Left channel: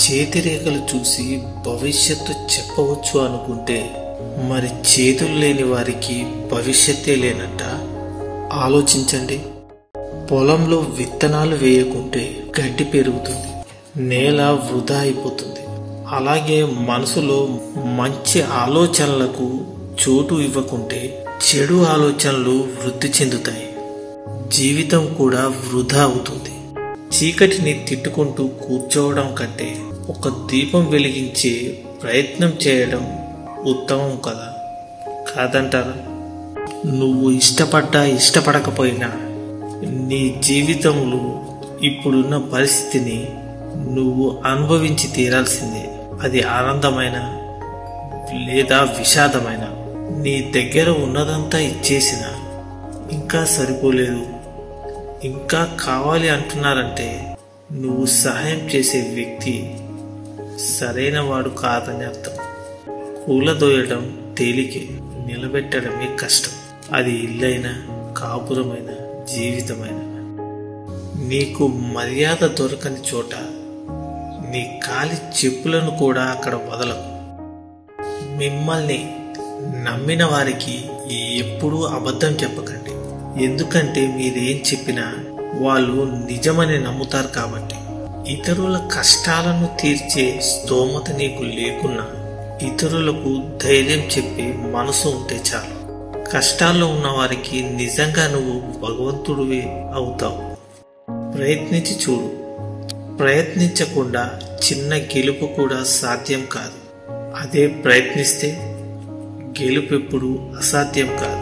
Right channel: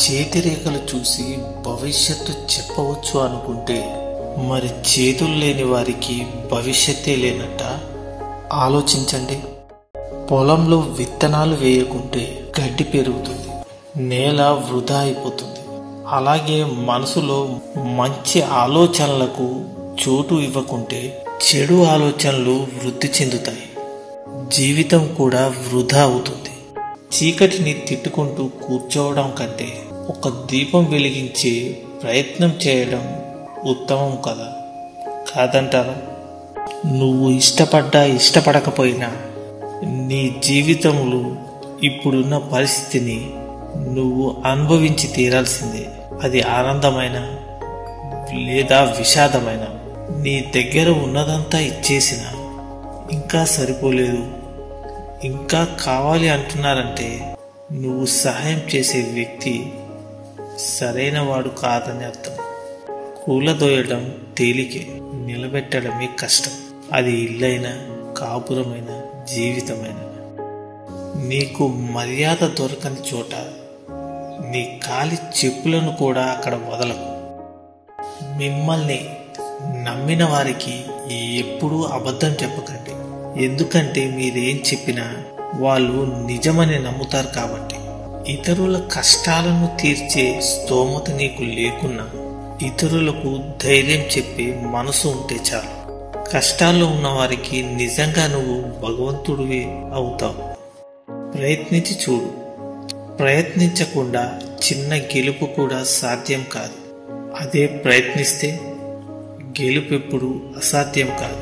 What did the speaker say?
చేతిరేఖలు చూసి భవిష్యత్తు చెప్పవచ్చు అనుకుంటే మరి చేతులు లేని వారికి భవిష్యత్తే లేనట్ట. ఆలోచించండి. పొలంలో విత్తనాలు వేయకుంటే గడ్డి పెరుగుతుంది, నేల వృధా అయిపోతుంది. అలాగే మనసులో మంచి ఆలోచనలకు చోటు ఇవ్వకుంటే చెడు ఆలోచనలు వృద్ధి చెందుతాయి, జీవితం కూడా వృధా అవుతుంది. చీకటిని తిట్టుకుంటూ కూర్చోవడం కంటే ఒక దీపం వెలిగించే ప్రయత్నం చేయడం ఉత్తమం కదా, కాదంటారా? నువ్వు ఇష్టపడ్డా ఇష్టపడకపోయినా నీ జీవితంలో ఇప్పుడున్న పరిస్థితిని నువ్వు అనుభవించి తీరాల్సిందే. అది ఆనందమైన లేదా విషాదమైన. నీ దగ్గర ఉన్నదంతా ఇచ్చేసినా ఇంకా సరిపోలేదు, ఇంకా కావాలి అంటున్నారంటే నువ్వు సహాయం చేసే వ్యక్తి సరైన వాడు కాదని అర్థం. కూలదోయడం తేలికే, నిలబెట్టడమే కష్టం. అది ఇల్లైనా, కాపురమైన, జీవితమైన. నీకు మర్యాద దొరకని చోట నీ కాలి చెప్పులను కూడా అక్కడ వదలకు. మిమ్మల్ని నమ్మిన వారికి ఎప్పుడూ అబద్ధం చెప్పకండి. ఎందుకంటే మీరేం చెప్పినా వాళ్ళు నిజమని నమ్ముతారు కాబట్టి. ఇతరుల కష్టాలను తీర్చే స్తోమత నీకు లేకున్నా ఇతరులకు ధైర్యం చెప్పే మనసు ఉంటే చాలు. కష్టాల్లో ఉన్న వారికి నిజంగా నువ్వు భగవంతుడివే అవుతావు. ప్రయత్నించి చూడు. ప్రయత్నించకుండా చిన్న గెలుపు కూడా సాధ్యం కాదు. అదే ప్రయత్నిస్తే గెలుపు ఎప్పుడు అసాధ్యం కాదు.